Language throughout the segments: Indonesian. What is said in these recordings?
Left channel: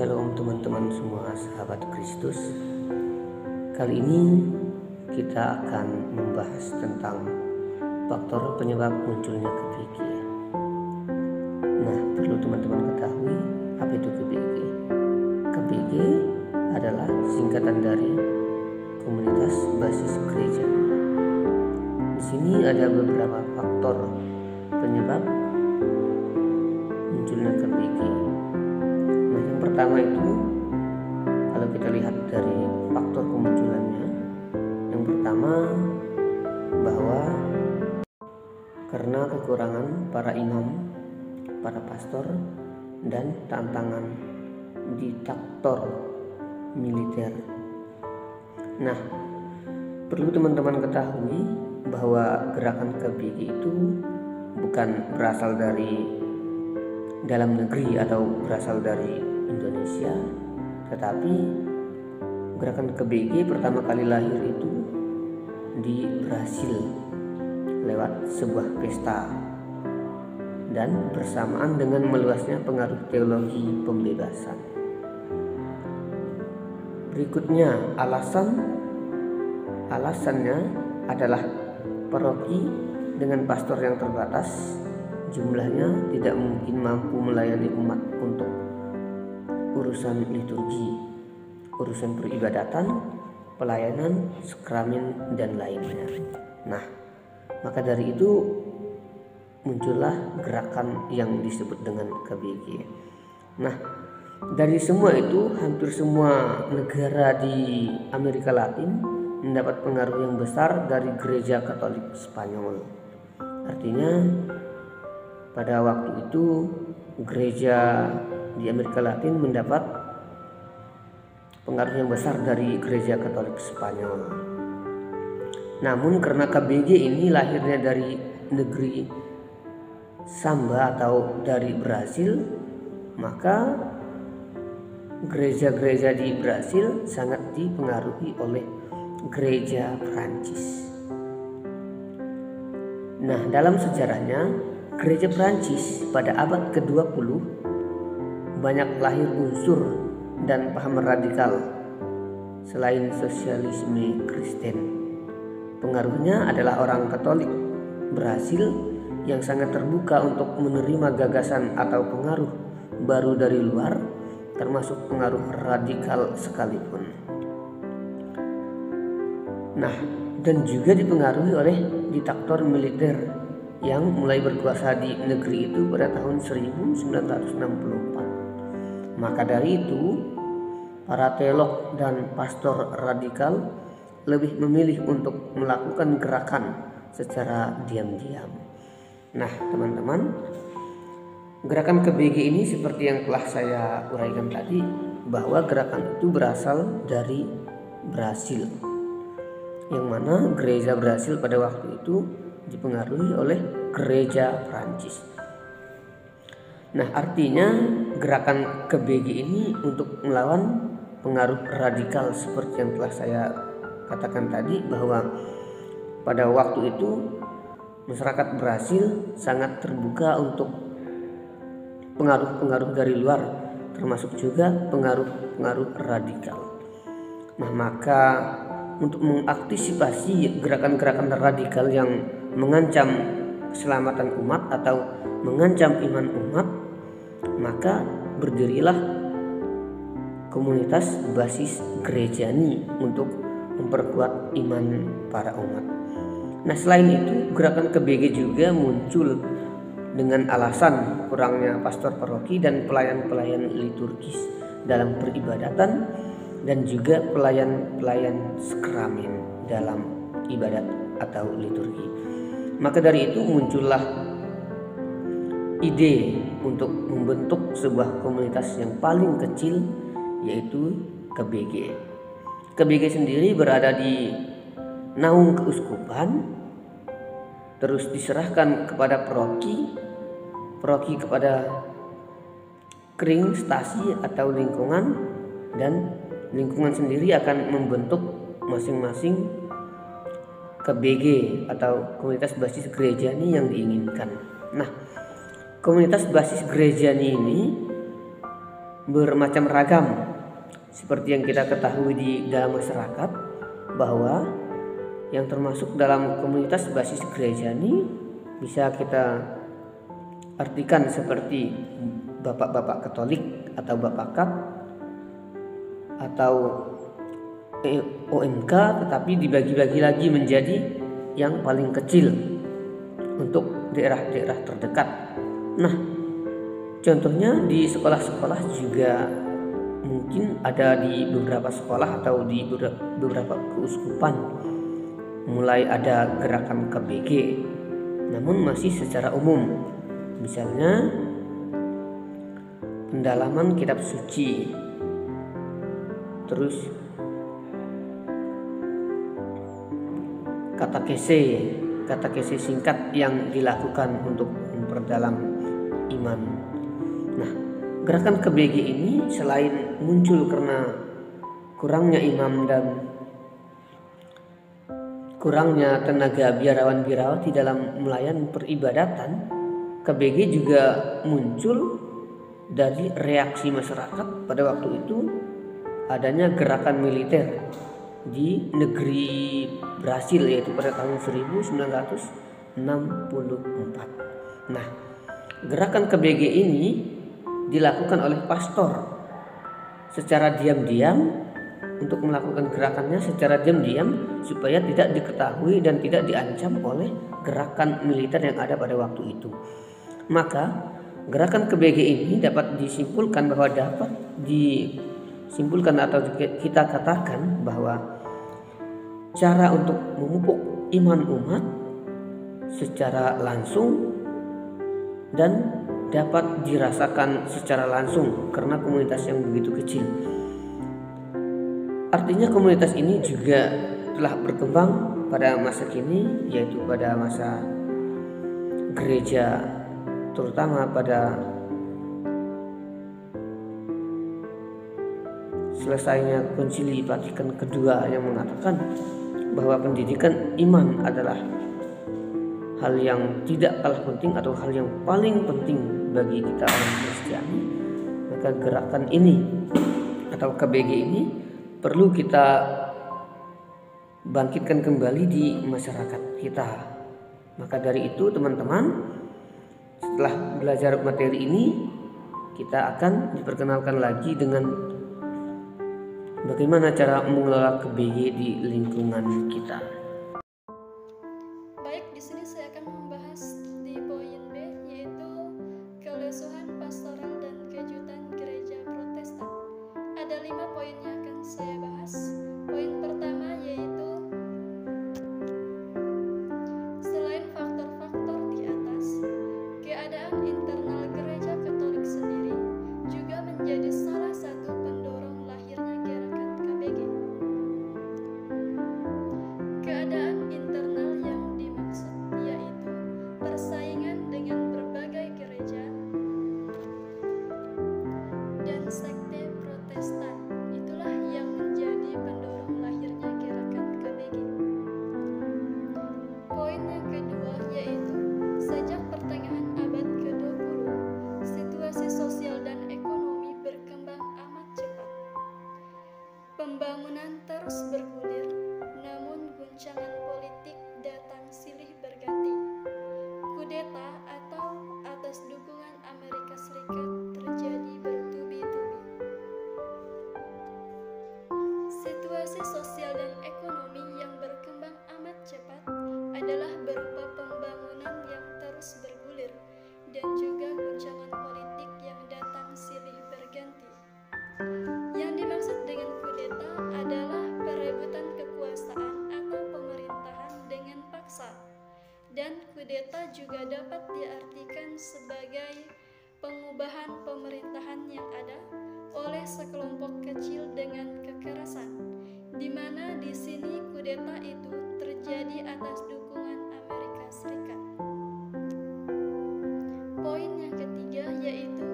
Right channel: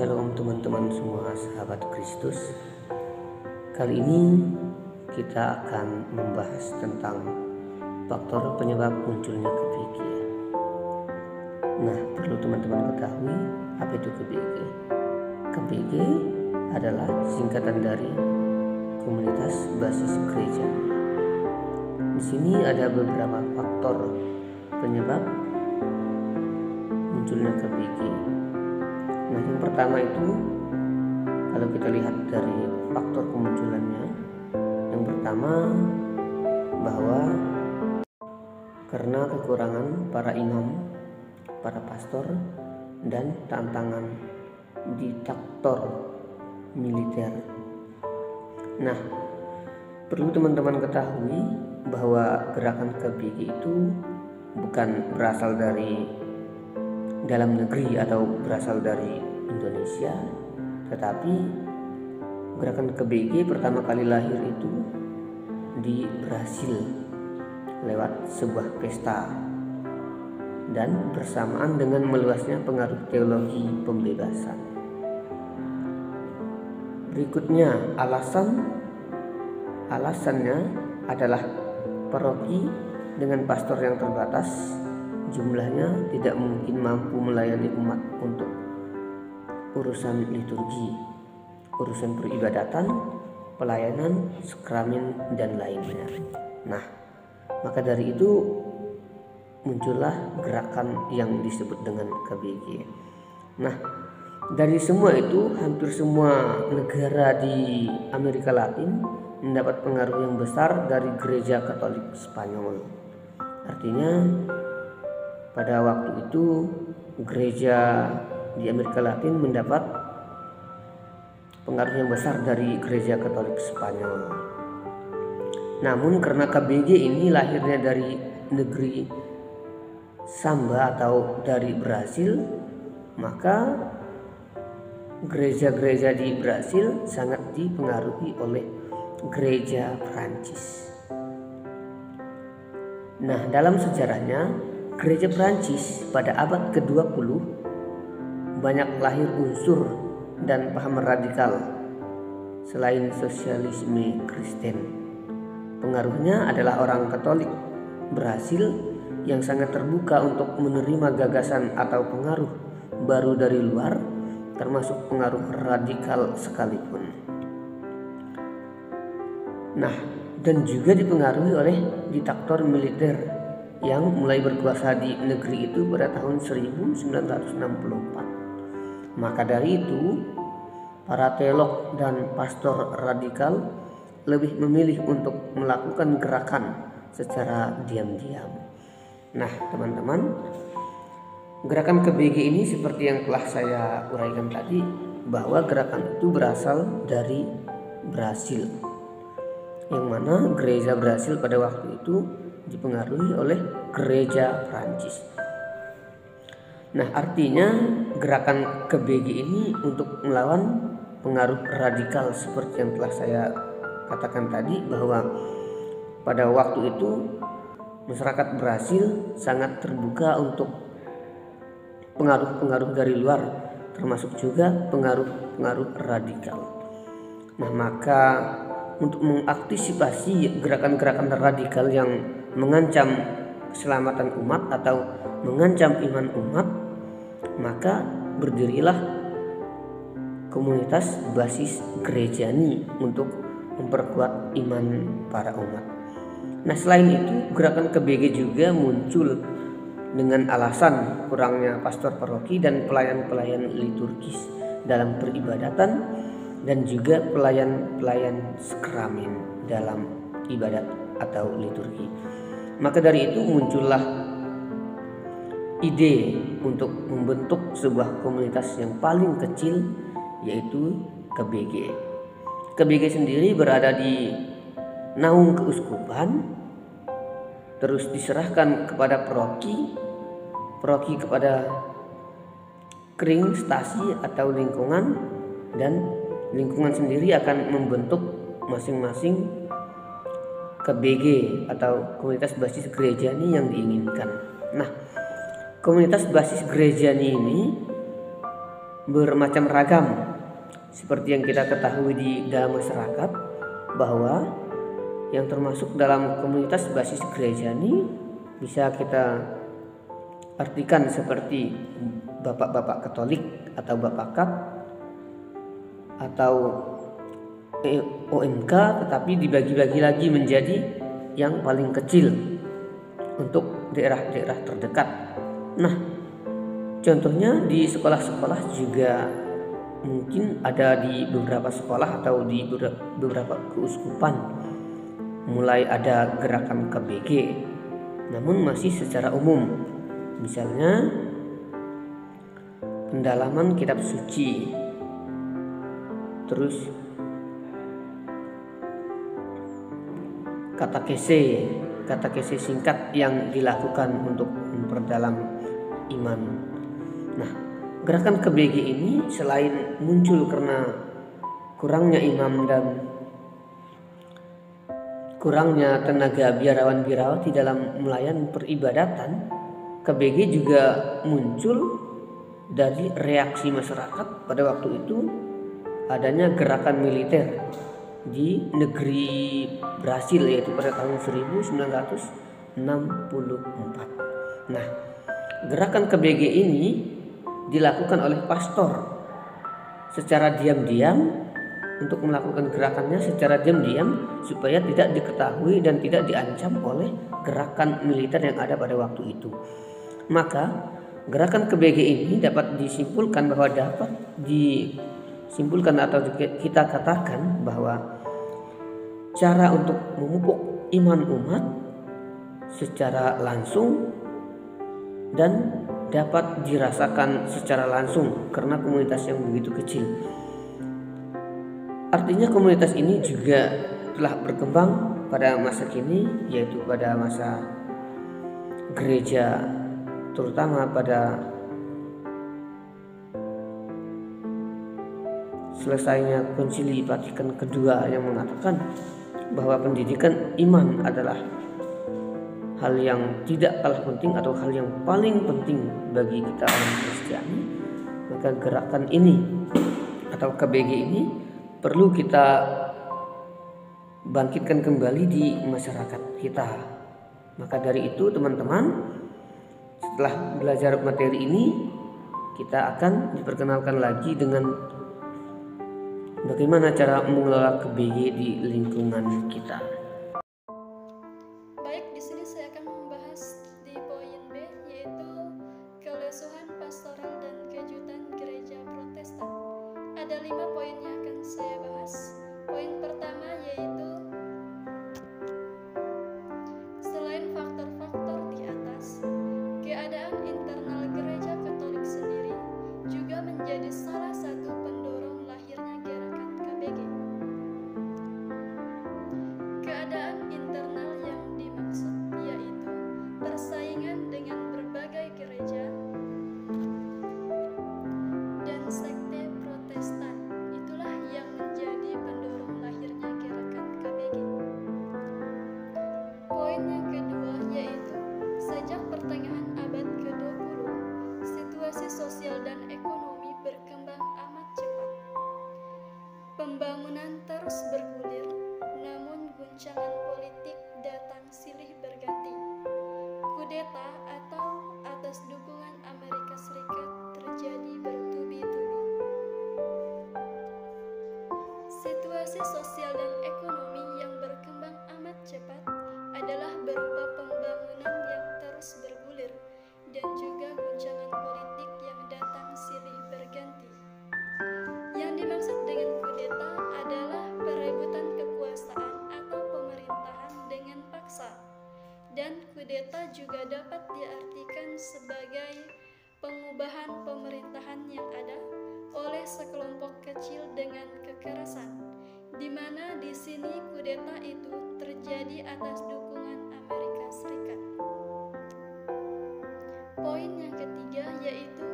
Shalom teman-teman semua sahabat Kristus. Kali ini kita akan membahas tentang faktor penyebab munculnya KBG. Nah, perlu teman-teman ketahui apa itu KBG. KBG adalah singkatan dari Komunitas Basis Gereja. Di sini ada beberapa faktor penyebab munculnya KBG. Nah, yang pertama itu kalau kita lihat dari faktor kemunculannya, yang pertama bahwa karena kekurangan para imam, para pastor, dan tantangan diktator militer. Nah, perlu teman-teman ketahui bahwa gerakan KBG itu bukan berasal dari dalam negeri atau berasal dari Indonesia, tetapi gerakan KBG pertama kali lahir itu di Brasil lewat sebuah pesta dan bersamaan dengan meluasnya pengaruh teologi pembebasan. Berikutnya alasannya adalah paroki dengan pastor yang terbatas, jumlahnya tidak mungkin mampu melayani umat untuk urusan liturgi, urusan peribadatan, pelayanan, sakramen, dan lainnya. Nah, maka dari itu muncullah gerakan yang disebut dengan KBG. Nah, dari semua itu hampir semua negara di Amerika Latin mendapat pengaruh yang besar dari Gereja Katolik Spanyol. Artinya pada waktu itu gereja di Amerika Latin mendapat pengaruh yang besar dari Gereja Katolik Spanyol. Namun karena KBG ini lahirnya dari negeri Samba atau dari Brasil, maka gereja-gereja di Brasil sangat dipengaruhi oleh gereja Prancis. Nah, dalam sejarahnya Gereja Prancis pada abad ke-20 banyak lahir unsur dan paham radikal selain sosialisme Kristen. Pengaruhnya adalah orang Katolik Brasil yang sangat terbuka untuk menerima gagasan atau pengaruh baru dari luar, termasuk pengaruh radikal sekalipun. Nah, dan juga dipengaruhi oleh diktator militer yang mulai berkuasa di negeri itu pada tahun 1964. Maka dari itu, para teolog dan pastor radikal lebih memilih untuk melakukan gerakan secara diam-diam. Nah, teman-teman, gerakan KBG ini seperti yang telah saya uraikan tadi, bahwa gerakan itu berasal dari Brasil, yang mana gereja Brasil pada waktu itu dipengaruhi oleh gereja Prancis. Nah, artinya gerakan KBG ini untuk melawan pengaruh radikal seperti yang telah saya katakan tadi, bahwa pada waktu itu masyarakat Brasil sangat terbuka untuk pengaruh-pengaruh dari luar, termasuk juga pengaruh-pengaruh radikal. Nah, maka untuk mengantisipasi gerakan-gerakan radikal yang mengancam keselamatan umat atau mengancam iman umat, maka berdirilah komunitas basis gerejani untuk memperkuat iman para umat. Nah, selain itu gerakan KBG juga muncul dengan alasan kurangnya pastor paroki dan pelayan-pelayan liturgis dalam peribadatan dan juga pelayan-pelayan sakramen dalam ibadat atau liturgi. Maka dari itu muncullah ide untuk membentuk sebuah komunitas yang paling kecil, yaitu KBG. KBG sendiri berada di naung keuskupan, terus diserahkan kepada paroki kepada kring stasi atau lingkungan, dan lingkungan sendiri akan membentuk masing-masing KBG atau komunitas basis gerejani yang diinginkan. Nah, komunitas basis gerejani ini bermacam ragam. Seperti yang kita ketahui di dalam masyarakat, bahwa yang termasuk dalam komunitas basis gereja ini bisa kita artikan seperti bapak-bapak Katolik atau bapak Kat atau OMK, tetapi dibagi-bagi lagi menjadi yang paling kecil untuk daerah-daerah terdekat. Nah, contohnya di sekolah-sekolah juga mungkin ada di beberapa sekolah atau di beberapa keuskupan mulai ada gerakan KBG, namun masih secara umum. Misalnya pendalaman kitab suci, terus katekese singkat yang dilakukan untuk memperdalam iman. Nah, gerakan KBG ini selain muncul karena kurangnya imam dan kurangnya tenaga biarawan-biarawati dalam melayani peribadatan, KBG juga muncul dari reaksi masyarakat pada waktu itu adanya gerakan militer di negeri Brasil, yaitu pada tahun 1964. Nah, gerakan KBG ini dilakukan oleh pastor secara diam-diam, untuk melakukan gerakannya secara diam-diam supaya tidak diketahui dan tidak diancam oleh gerakan militer yang ada pada waktu itu. Maka gerakan KBG ini dapat disimpulkan atau kita katakan bahwa cara untuk memupuk iman umat secara langsung dan dapat dirasakan secara langsung karena komunitas yang begitu kecil. Artinya komunitas ini juga telah berkembang pada masa kini, yaitu pada masa gereja, terutama pada selesainya Konsili Vatikan kedua yang mengatakan bahwa pendidikan iman adalah hal yang tidak kalah penting atau hal yang paling penting bagi kita orang Kristiani. Maka gerakan ini atau KBG ini perlu kita bangkitkan kembali di masyarakat kita. Maka dari itu teman-teman, setelah belajar materi ini, kita akan diperkenalkan lagi dengan bagaimana cara mengelola KBG di lingkungan kita. Baik, di sini saya akan membahas di poin B, yaitu kelesuhan pastoral dan kejutan gereja Protestan. Ada 5 poin yang akan saya bahas. Poin pertama yaitu selain faktor-faktor di atas, keadaan internal gereja Katolik sendiri juga menjadi salah satu pendorong lahirnya gerakan KBG. Keadaan internal yang dimaksud yaitu persaingan dengan berbagai gereja dan sekte Protestan. Itulah yang menjadi pendorong lahirnya gerakan KBG. Poin yang kedua yaitu sejak pertengahan abad ke-20, situasi sosial dan ekonomi berkembang amat cepat. Pembangunan terus bergulir, namun guncangan politik datang silih berganti. Kudeta atau atas dukungan Amerika Serikat terjadi bertubi-tubi. Situasi sosial dan ekonomi yang berkembang amat cepat adalah berupa pembangunan yang terus bergulir dan juga guncangan politik yang datang silih berganti. Yang dimaksud dengan kudeta adalah perebutan kekuasaan atau pemerintahan dengan paksa. Dan kudeta juga dapat diartikan sebagai pengubahan pemerintahan yang ada oleh sekelompok kecil dengan kekerasan, di mana di sini kudeta itu terjadi atas dukungan Amerika Serikat. Poin yang ketiga yaitu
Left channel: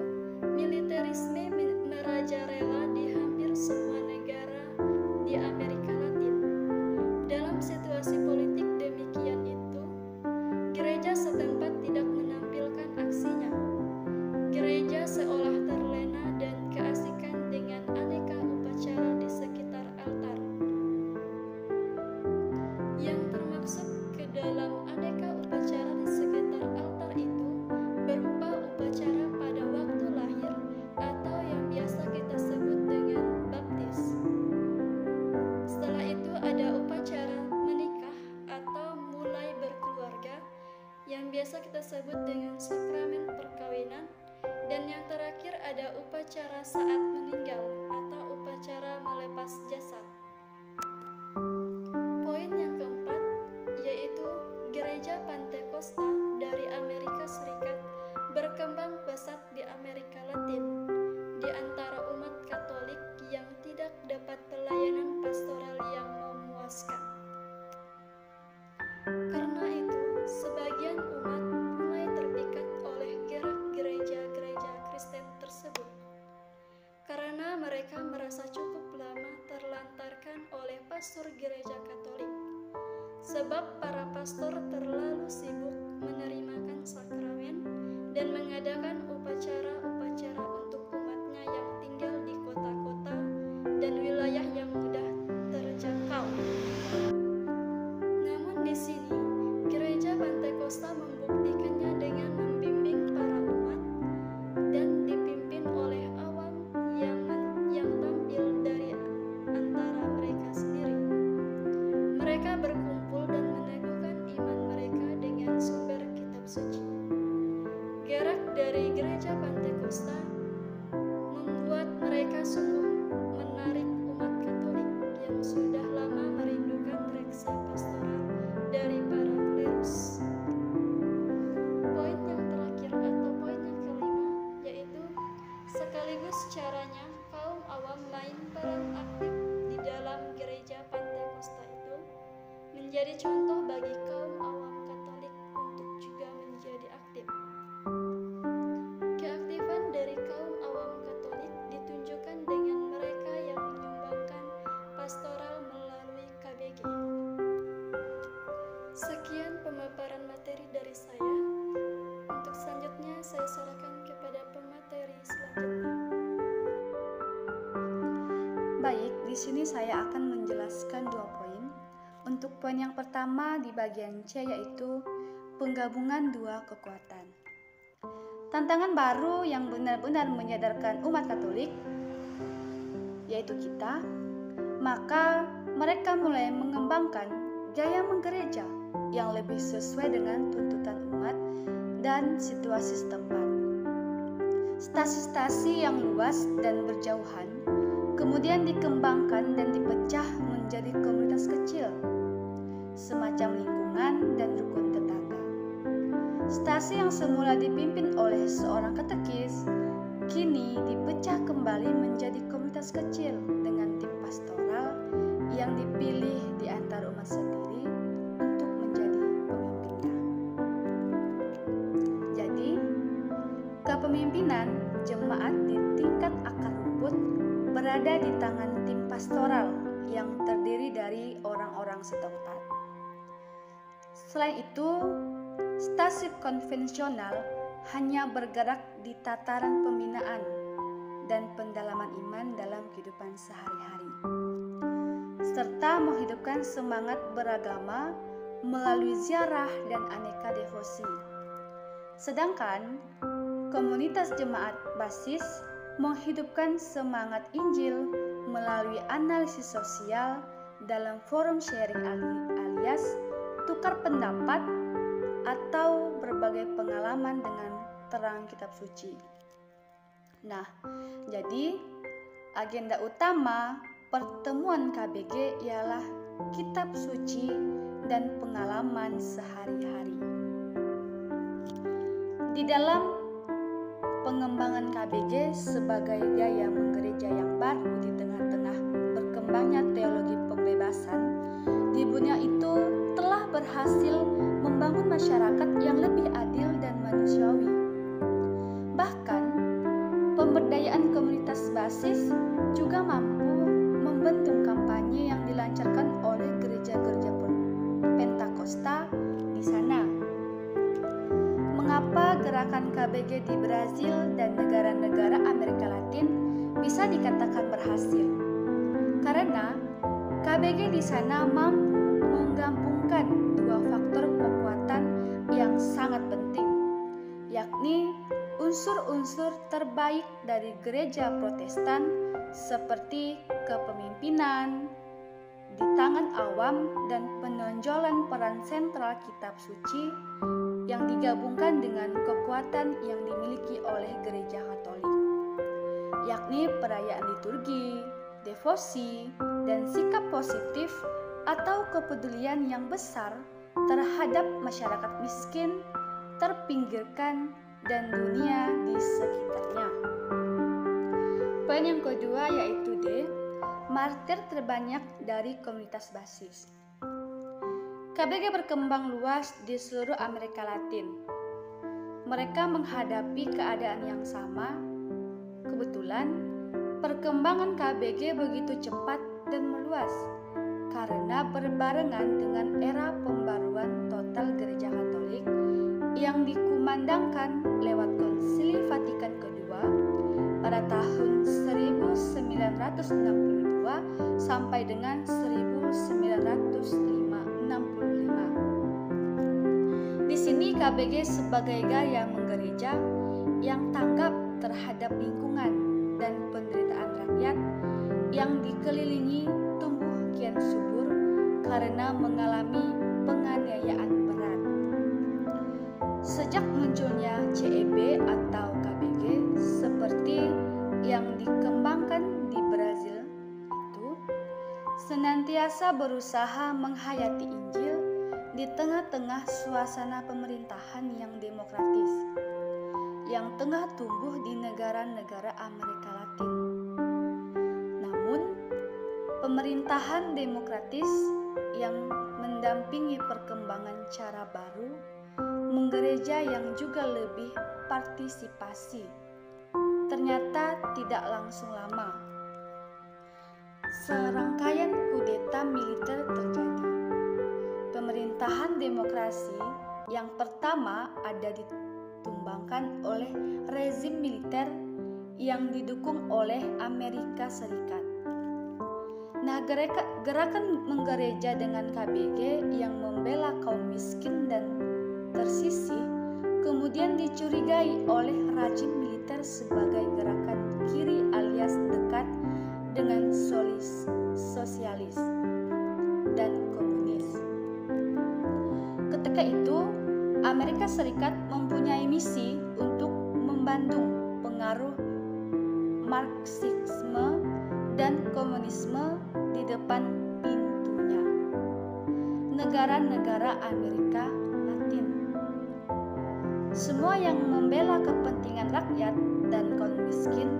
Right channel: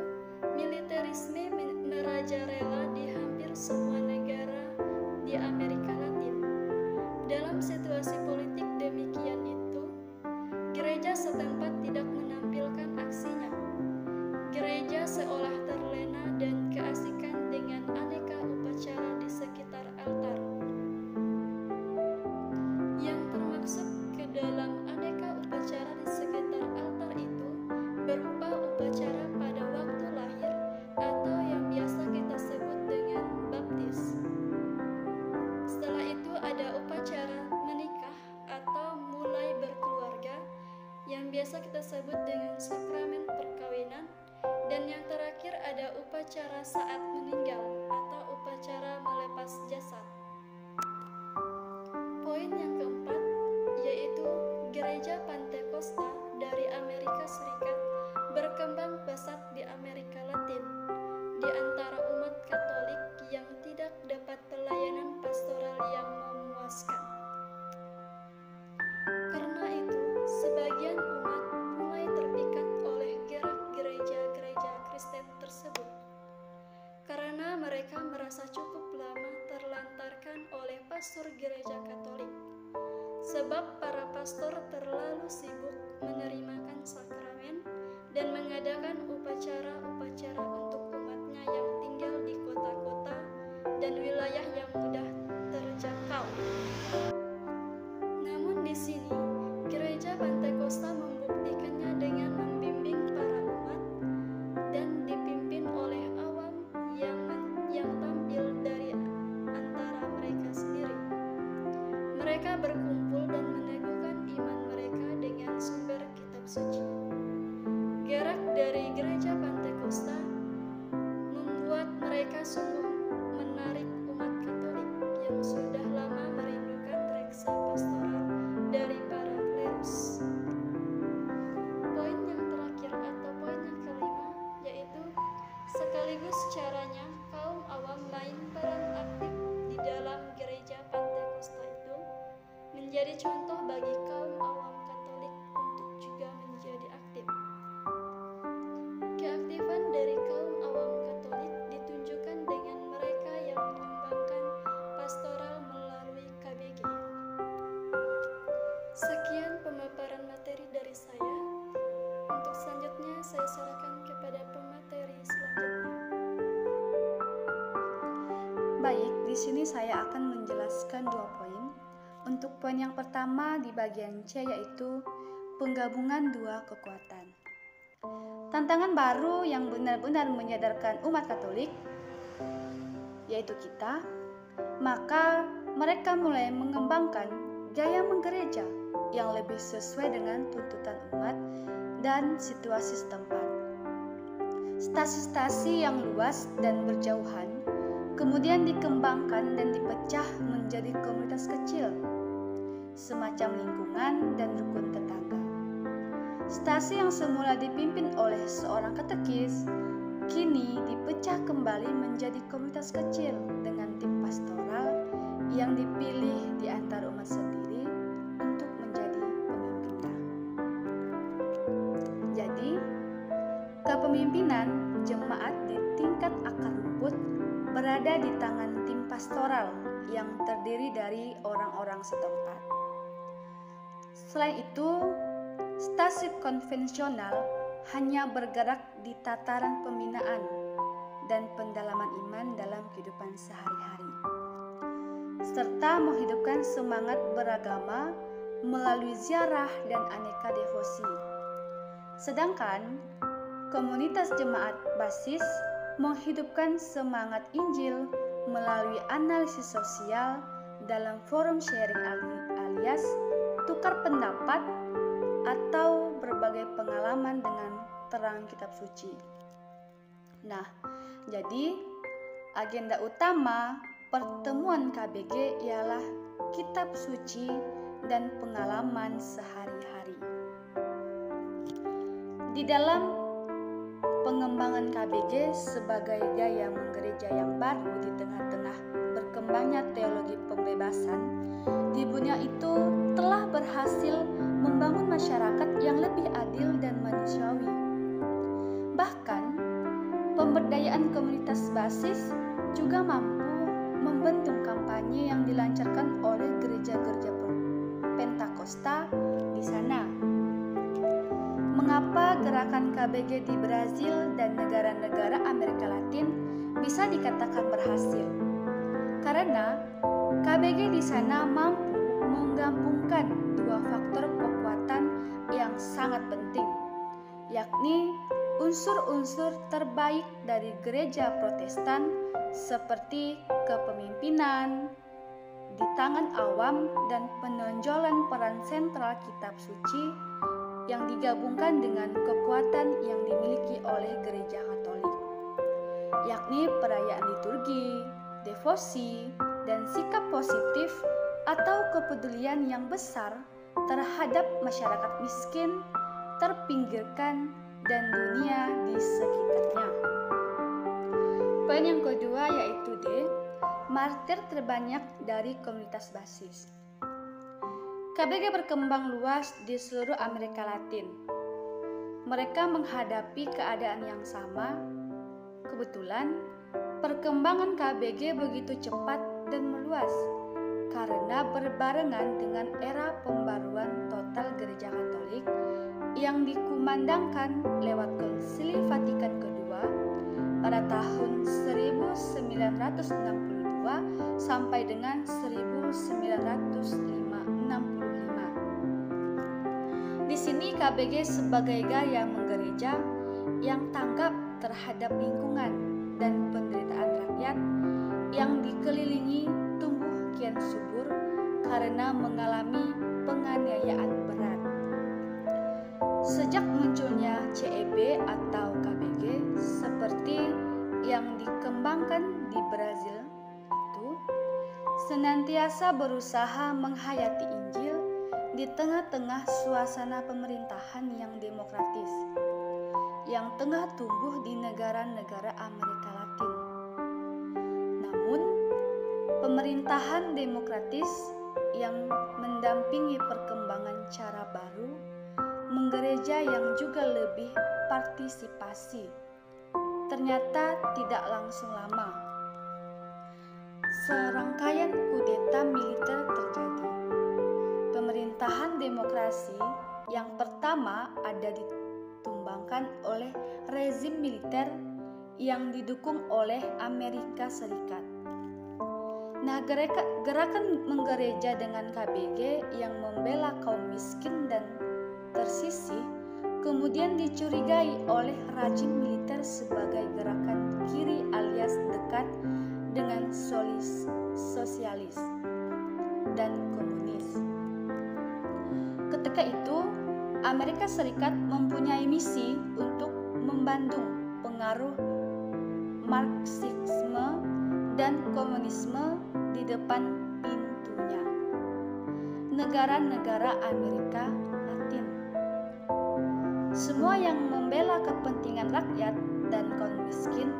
militerisme merajalela di hampir semua negara di Amerika Latin. Dalam situasi politik demikian itu, gereja setempat tidak menampilkan aksinya. Gereja seolah terlena dan keasikan biasa kita sebut dengan sakramen perkawinan, dan yang terakhir ada upacara saat meninggal atau upacara melepas jasad. Poin yang keempat yaitu Gereja Pantekosta dari Amerika Serikat berkembang pesat di Amerika Latin di antara umat Katolik yang tidak dapat pelayanan pastoral yang memuaskan. Karena itu, sebagian umat mulai terpikat oleh gerak gereja-gereja Kristen tersebut. Karena mereka merasa cukup lama terlantarkan oleh pastor gereja Katolik. Sebab para pastor terlalu sibuk menerimakan sakramen dan mengadakan upacara-upacara untuk umatnya yang tinggal di kota-kota dan wilayah yang mudah terjangkau. Namun di sini, Gereja Pantekosta membuktikannya dengan membimbing para umat dan dipimpin oleh awam yang tampil dari antara mereka sendiri. Mereka berkumpul dan meneguhkan iman mereka dengan sumber kitab suci. Gerak dari Gereja Pantekosta membuat mereka sungguh menarik umat Katolik yang sudah lama merindukan reksa pastoral dari para klerus. Poin yang terakhir atau poin yang kelima yaitu sekaligus caranya kaum awam main peran aktif di dalam Gereja Pantekosta itu menjadi contoh bagi kaum awam Katolik untuk juga menjadi aktif. Keaktifan dari kaum awam Katolik ditunjukkan dengan mereka yang menyumbangkan pastoral melalui KBG. Sekian pemaparan materi dari saya. Untuk selanjutnya saya serahkan kepada pemateri selanjutnya. Baik, di sini saya akan menjelaskan 2 poin. Untuk poin yang pertama di bagian C yaitu penggabungan 2 kekuatan. Tantangan baru yang benar-benar menyadarkan umat Katolik, yaitu kita, maka mereka mulai mengembangkan gaya menggereja yang lebih sesuai dengan tuntutan umat dan situasi setempat. Stasi-stasi yang luas dan berjauhan kemudian dikembangkan dan dipecah menjadi komunitas kecil, semacam lingkungan dan rukun tetangga. Stasi yang semula dipimpin oleh seorang katekis, kini dipecah kembali menjadi komunitas kecil dengan tim pastoral yang dipilih di antara umat sendiri untuk menjadi pemimpinnya. Jadi, kepemimpinan jemaat di tingkat akar rumput berada di tangan tim pastoral yang terdiri dari orang-orang setempat. Selain itu, stasi konvensional hanya bergerak di tataran pembinaan dan pendalaman iman dalam kehidupan sehari-hari, serta menghidupkan semangat beragama melalui ziarah dan aneka devosi. Sedangkan komunitas jemaat basis menghidupkan semangat Injil melalui analisis sosial dalam forum sharing alias tukar pendapat atau berbagai pengalaman dengan terang kitab suci. Nah, jadi agenda utama pertemuan KBG ialah kitab suci dan pengalaman sehari-hari. Di dalam pengembangan KBG sebagai gaya menggereja yang baru di tengah-tengah berkembangnya teologi pembebasan, di dunia itu telah berhasil membangun masyarakat yang lebih adil dan manusiawi. Bahkan, pemberdayaan komunitas basis juga mampu membendung kampanye yang dilancarkan oleh gereja-gereja Pentakosta di sana. Mengapa gerakan KBG di Brazil dan negara-negara Amerika Latin bisa dikatakan berhasil? Karena KBG di sana mampu menggabungkan 2 faktor kekuatan yang sangat penting, yakni unsur-unsur terbaik dari gereja Protestan seperti kepemimpinan di tangan awam dan penonjolan peran sentral kitab suci yang digabungkan dengan kekuatan yang dimiliki oleh Gereja Katolik, yakni perayaan liturgi, devosi, dan sikap positif atau kepedulian yang besar terhadap masyarakat miskin, terpinggirkan, dan dunia di sekitarnya. Poin yang kedua yaitu D, martir terbanyak dari komunitas basis. KBG berkembang luas di seluruh Amerika Latin. Mereka menghadapi keadaan yang sama. Kebetulan, perkembangan KBG begitu cepat dan meluas karena berbarengan dengan era pembaruan total Gereja Katolik yang dikumandangkan lewat Konsili Vatikan II pada tahun 1962 sampai dengan 1965. Di sini KBG sebagai gaya menggereja yang tanggap terhadap lingkungan dan penderitaan rakyat yang dikelilingi tumbuh kian subur karena mengalami penganiayaan berat. Sejak munculnya CEB atau KBG seperti yang dikembangkan di Brazil itu senantiasa berusaha menghayati Injil di tengah-tengah suasana pemerintahan yang demokratis yang tengah tumbuh di negara-negara Amerika Latin. Namun, pemerintahan demokratis yang mendampingi perkembangan cara baru menggereja yang juga lebih partisipasi ternyata tidak langsung lama. Serangkaian kudeta militer terjadi. Pemerintahan demokrasi yang pertama ada ditumbangkan oleh rezim militer yang didukung oleh Amerika Serikat. Nah, gerakan menggereja dengan KBG yang membela kaum miskin dan tersisih kemudian dicurigai oleh rezim militer sebagai gerakan kiri alias dekat dengan sosialis dan komunis. Ketika itu, Amerika Serikat mempunyai misi untuk membandung pengaruh Marxisme dan komunisme di depan pintunya negara-negara Amerika Latin. Semua yang membela kepentingan rakyat dan kaum miskin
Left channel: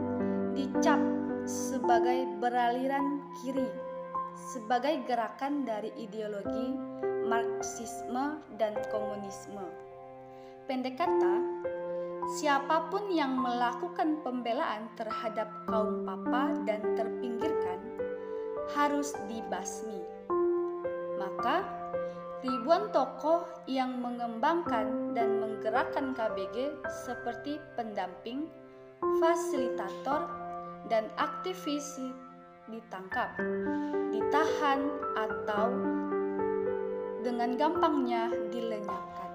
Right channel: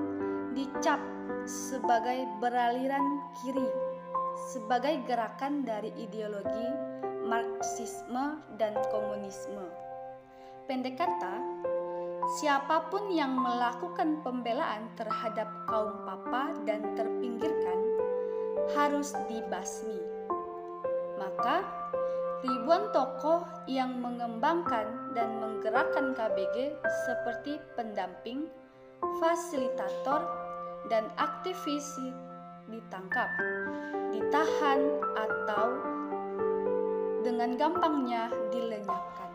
dicap sebagai beraliran kiri, sebagai gerakan dari ideologi Marxisme dan komunisme. Pendek kata, siapapun yang melakukan pembelaan terhadap kaum papa dan terpinggirkan harus dibasmi. Maka, ribuan tokoh yang mengembangkan dan menggerakkan KBG seperti pendamping, fasilitator, dan aktivis ditangkap, ditahan, atau dengan gampangnya dilenyapkan.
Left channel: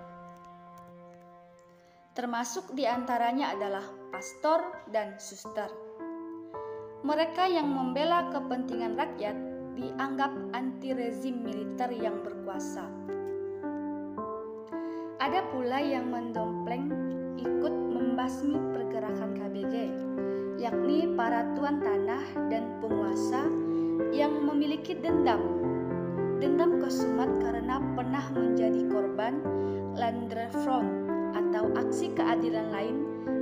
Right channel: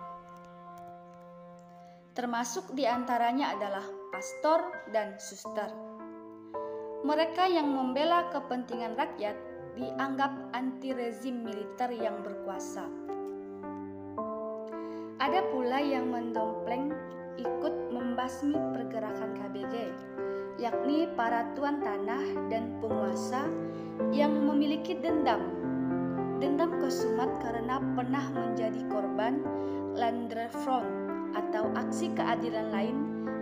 Termasuk diantaranya adalah pastor dan suster. Mereka yang membela kepentingan rakyat dianggap anti rezim militer yang berkuasa. Ada pula yang mendompleng ikut membasmi pergerakan KBG, yakni para tuan tanah dan penguasa yang memiliki dendam kesumat karena pernah menjadi korban Landfront atau aksi keadilan lain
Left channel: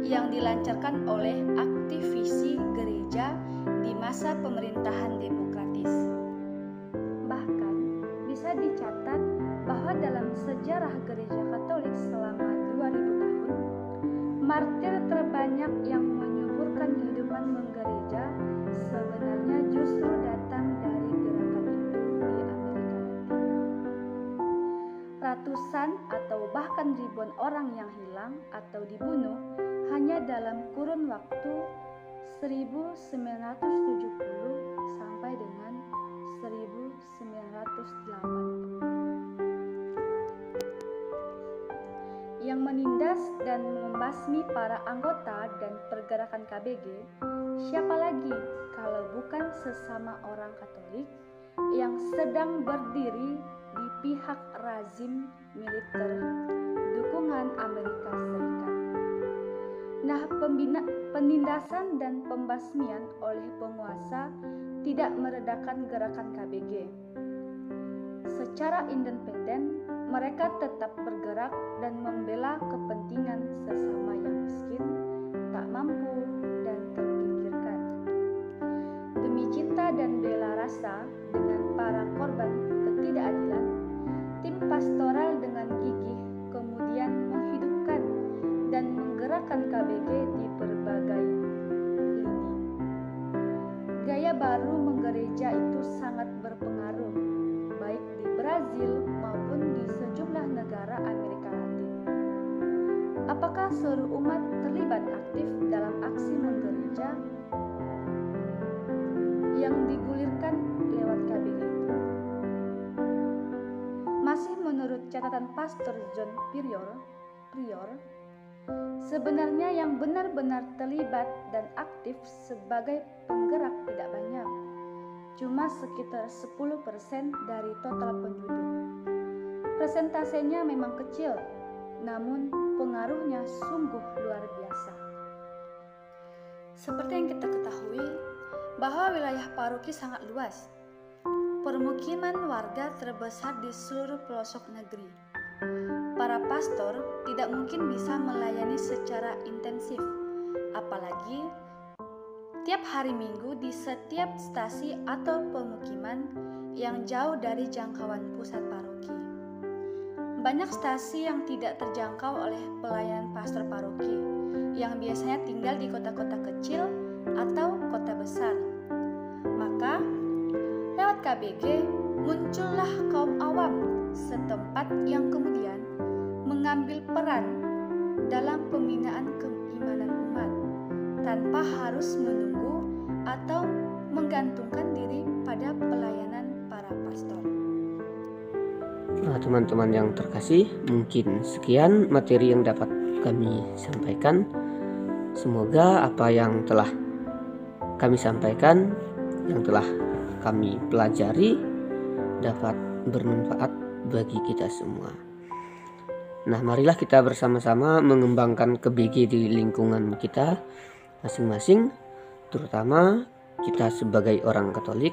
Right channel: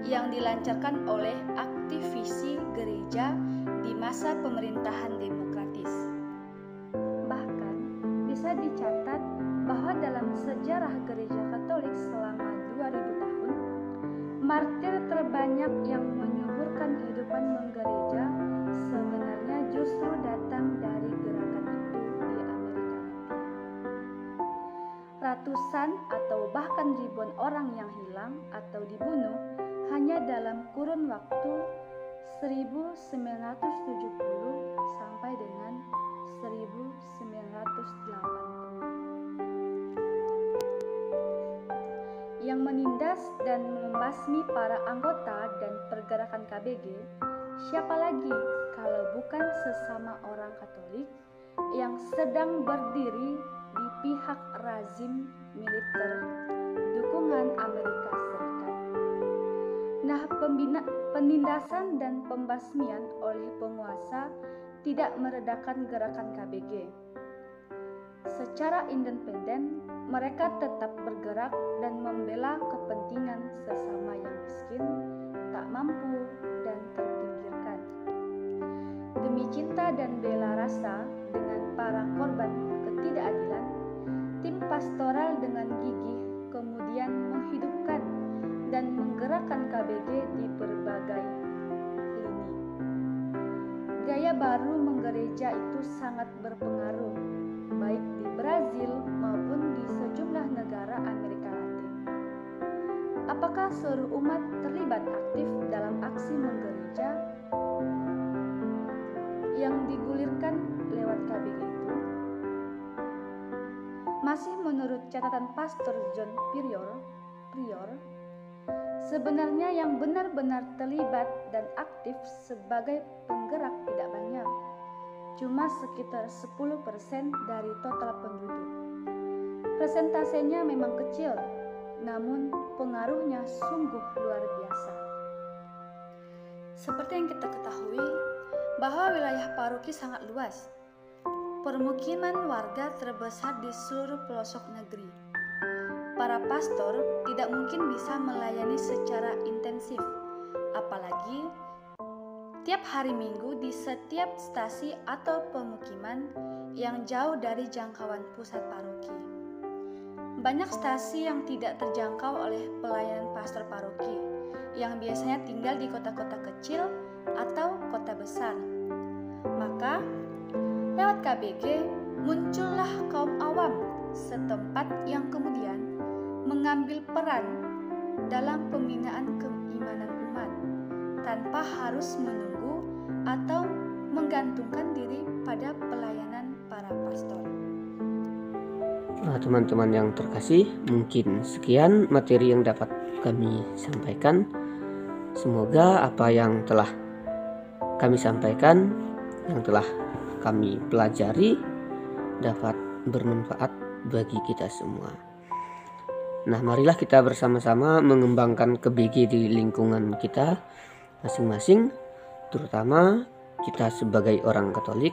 yang dilancarkan oleh aktivisi gereja di masa pemerintahan demokratis. Bahkan bisa dicatat bahwa dalam sejarah gereja Katolik selama 2000 tahun, martir terbanyak yang menyuburkan kehidupan menggereja sebenarnya justru datang dari gerakan itu di Amerika Latin. Ratusan atau bahkan ribuan orang yang hilang atau dibunuh hanya dalam kurun waktu 1970 sampai dengan 1980. Yang menindas dan membasmi para anggota dan pergerakan KBG, siapa lagi kalau bukan sesama orang Katolik yang sedang berdiri di pihak rezim militer dukungan Amerika Serikat. Nah, penindasan dan pembasmian oleh penguasa tidak meredakan gerakan KBG. Secara independen, mereka tetap bergerak dan membela kepentingan sesama yang miskin, tak mampu, dan terpinggirkan. Demi cinta dan bela rasa dengan para korban ketidakadilan, tim pastoral dengan gigih kemudian menghidupkan dan menggerakkan KBG di berbagai lini. Gaya baru menggereja itu sangat berpengaruh, baik di Brazil maupun di sejumlah negara Amerika Latin. Apakah seluruh umat terlibat aktif dalam aksi menggereja yang digulirkan lewat KBG itu? Masih menurut catatan Pastor John Prior, sebenarnya yang benar-benar terlibat dan aktif sebagai penggerak tidak banyak, cuma sekitar 10% dari total penduduk. Persentasenya memang kecil, namun pengaruhnya sungguh luar biasa. Seperti yang kita ketahui, bahwa wilayah paroki sangat luas. Permukiman warga terbesar di seluruh pelosok negeri. Para pastor tidak mungkin bisa melayani secara intensif, apalagi tiap hari Minggu di setiap stasi atau pemukiman yang jauh dari jangkauan pusat paroki. Banyak stasi yang tidak terjangkau oleh pelayanan pastor paroki, yang biasanya tinggal di kota-kota kecil atau kota besar. Maka, lewat KBG muncullah kaum awam setempat yang kemudian mengambil peran dalam pembinaan keimanan umat tanpa harus menunggu atau menggantungkan diri pada pelayanan para pastor. Nah, teman-teman yang terkasih, mungkin sekian materi yang dapat kami sampaikan. Semoga apa yang telah kami sampaikan, yang telah kami pelajari dapat bermanfaat bagi kita semua. Nah, marilah kita bersama-sama mengembangkan KBG di lingkungan kita masing-masing, terutama kita sebagai orang Katolik.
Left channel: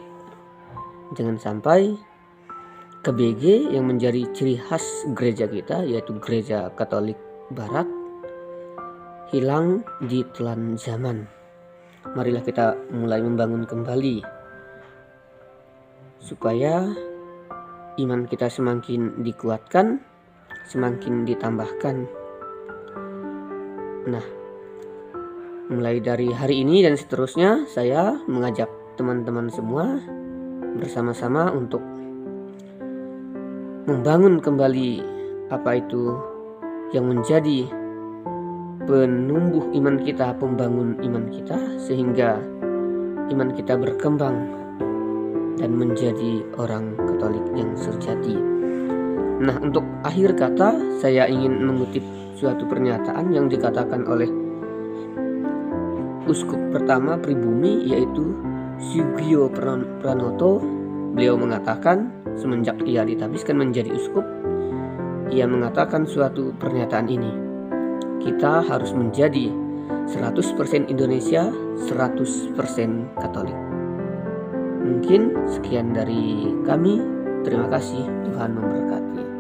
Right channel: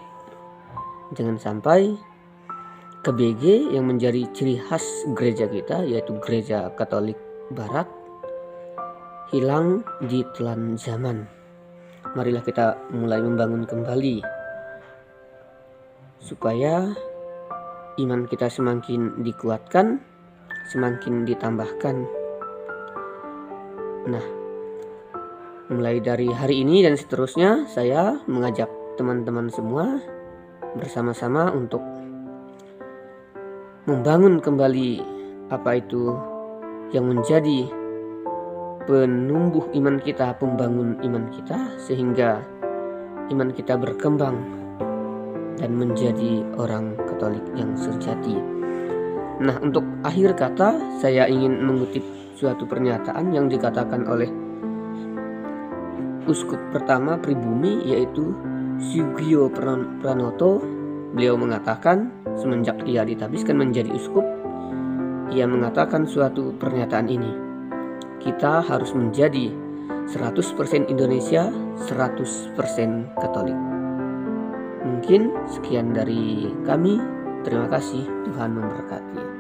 Jangan sampai KBG yang menjadi ciri khas gereja kita, yaitu Gereja Katolik Barat, hilang di telan zaman. Marilah kita mulai membangun kembali supaya iman kita semakin dikuatkan, semakin ditambahkan. Nah, mulai dari hari ini dan seterusnya, saya mengajak teman-teman semua bersama-sama untuk membangun kembali apa itu yang menjadi penumbuh iman kita, pembangun iman kita, sehingga iman kita berkembang dan menjadi orang Katolik yang sejati. Nah, untuk akhir kata, saya ingin mengutip suatu pernyataan yang dikatakan oleh Uskup pertama Pribumi, yaitu Sugio Pranoto. Beliau mengatakan, semenjak ia ditabiskan menjadi uskup, ia mengatakan suatu pernyataan ini: kita harus menjadi 100% Indonesia, 100% Katolik. Mungkin sekian dari kami. Terima kasih, Tuhan memberkati.